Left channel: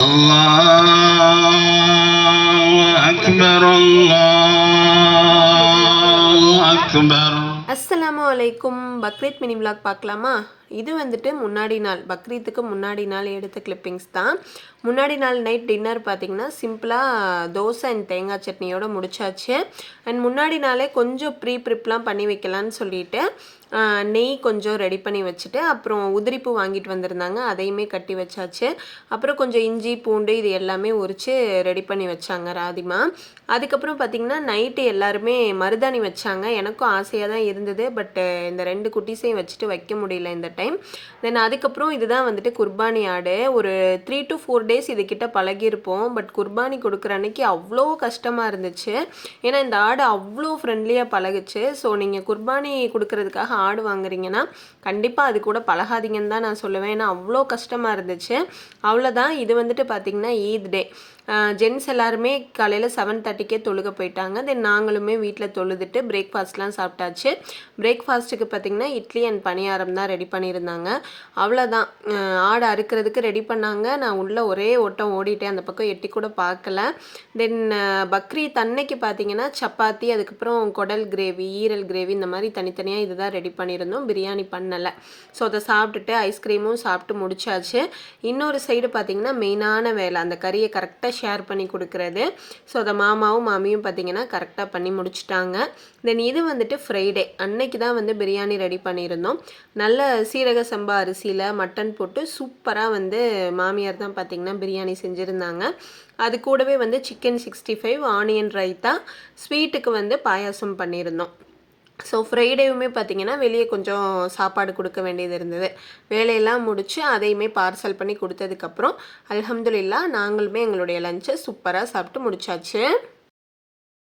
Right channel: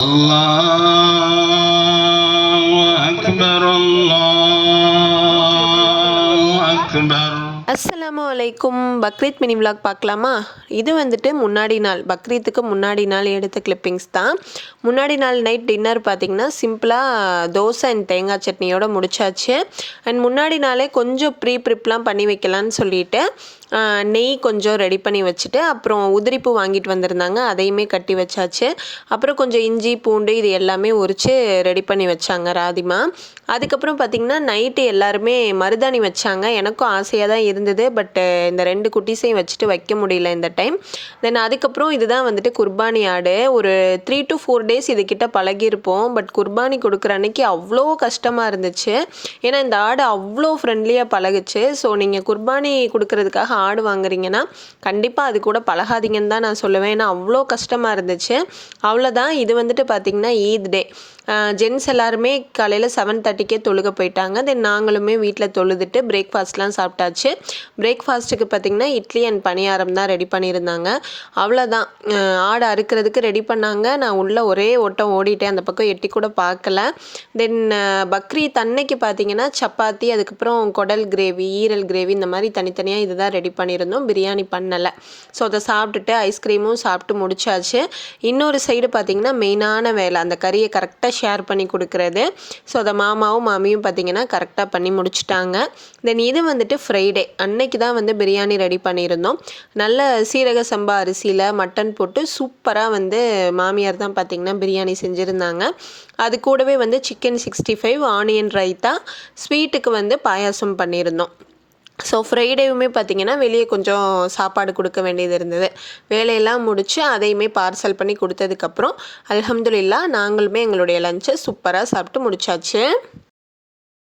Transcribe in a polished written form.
الله أكبر الله أكبر. அஸ்ஸலாமு அலைக்கும். Bakrid mini vlog பார்க்கலாமா? இது வந்துட்டு முன்னாடி நாள், பக்ரீத்துக்கு முன்னாடி நாள் எடுத்த கிளிப்பிங்ஸ் தான். முன்னாடி நாள் நைட் டின்னர் பார்த்திங்கன்னா சிம்பிளாக தோசை அண்ட் தேங்காய் சட்னியோடு முடிச்சாச்சு. அண்ட் முன்னாடி நாளே கொஞ்சம் ப்ரிப்லாம் பண்ணி வைக்கலான்னு சொல்லிட்டு நெய் கொஞ்சம் ரெடி பண்ணி வச்சுட்டு, அப்புறம் உதிரிப்பூ வாங்கிட்டு வந்திருந்தாங்க, அதையுமே கட்டி வச்சாச்சு. அப்புறம் கொஞ்சம் இஞ்சி பூண்டு இது எல்லாமே உரித்து ரெடி பண்ணி வச்சாங்க ராதிமா. அதுக்கப்புறம் பார்த்திங்கன்னா நைட்டு எல்லாருமே மருதாணி வச்சாங்க. எனக்கும் ஆசையாக தான் இருந்தது, பட்டு இந்த 2 குட்டீஸையும் வச்சுட்டு வைக்க முடியல இந்த டைம். தென் அதுக்கப்புறம் இதுதான் வந்துட்டு குர்பானி ஆடு. ஒரு 3 to 4 டேஸ் இதுக்கிட்ட பழகியிருப்போம். பட் குர்பானி கொடுக்குற அன்னைக்கு அவ்வளோ கஷ்டமாக இருந்துச்சு. ஏன்னா இந்த ஆடு அவ்வளோ ஃப்ரெண்ட்லியாக பழகுச்சு. ஸோ நீங்கள் குர்பானி கொடுக்கறதுக்காக ஆடு வாங்குறீங்கன்னா கண்டிப்பாக அது கூட பழகாதீங்கன்னு தான் நான் சொல்லுவேன். ஏன்னா அவ்வளோ கஷ்டமாக இருந்துச்சு. அவ்வளோதான். இது வந்துட்டு பார்த்திங்கன்னா ஈத் டே. ஜென்ஸ் எல்லாருமே காலையில் 7:30க்கே தொழுக போயிட்டாங்க. தென் நாங்களுமே வீட்டில் தொழுதுட்டு பிரேக்ஃபாஸ்ட்லாம் சாப்பிட்டாச்சு. பிரேக்ஃபாஸ்ட்டுக்கு பார்த்திங்கன்னா இட்லி அண்ட் பணியாரம் தான் ரெடி பண்ணியிருந்தாங்க. அவ்வளோதான். ஆடு அறுக்கிறதுக்கு ரெடி பண்ணாங்க. நான் உள்ளே ஒரே ஓட்டம் ஓடிட்டேன், அந்த பக்கம் எட்டி கூட பார்க்கல. தென் பக்ரீத் அன்னைக்கு பார்த்திங்கன்னா சப்பாத்தி, அதுக்கப்புறம் குடல் கிரேவி, ஈரல் கிரேவி, இந்த மாதிரி தனித்தனியாக இதுதான் ரெடி பண்ணியிருந்தோம். பிரியாணி பண்ணலை. ஸோ அதை சாப்பிட்டுட்டு ஐஸ்கிரீமும் சாப்பிட்டு முடிச்சாச்சு. இன்னொரு சைடு பார்த்திங்கன்னா மெயினான வேலை, அந்த கறியை கரெக்டாக ஷேர் பண்ணி கொடுக்குறது. ஸோ அதை மாமாவும் மாமியும் பார்த்திங்கன்னா கரெக்டாக பண்ணி முடிச்சிட்டாங்க. தென் இது வந்துட்டு ஃப்ரைடே அன்னைக்கு தான் வந்து பிரியாணி ரெடி பண்ணியிருந்தோம். நல்ல சீரக சம்பா அரிசியில் மட்டன் போட்டு சூப்பராக வந்து மாமியார் தான் பார்த்திங்கன்னா பிரியாணி செஞ்சுருந்தாங்க. அது கூடவே வந்து சிக்கன் 65, ஆனியன் ரைத்தா, ஸ்வீட்டுக்கு வந்து பாயாசம் பண்ணியிருந்தோம். ஸோ ஃப்ரைடேவுமே பார்த்திங்கன்னா வெளியே கொஞ்சம் சாப்பாடு கொடுக்க வேண்டியது இருந்தது. வேலையெல்லாம் முடித்து அதையுமே பார்சல் பண்ணி கொடுத்ததுக்கப்புறம் அல்ஹம்துலில்லாஹ் நாங்களுமே எங்களுடைய லஞ்சை சூப்பராக சாப்பிட்டு முடிச்சாச்சு.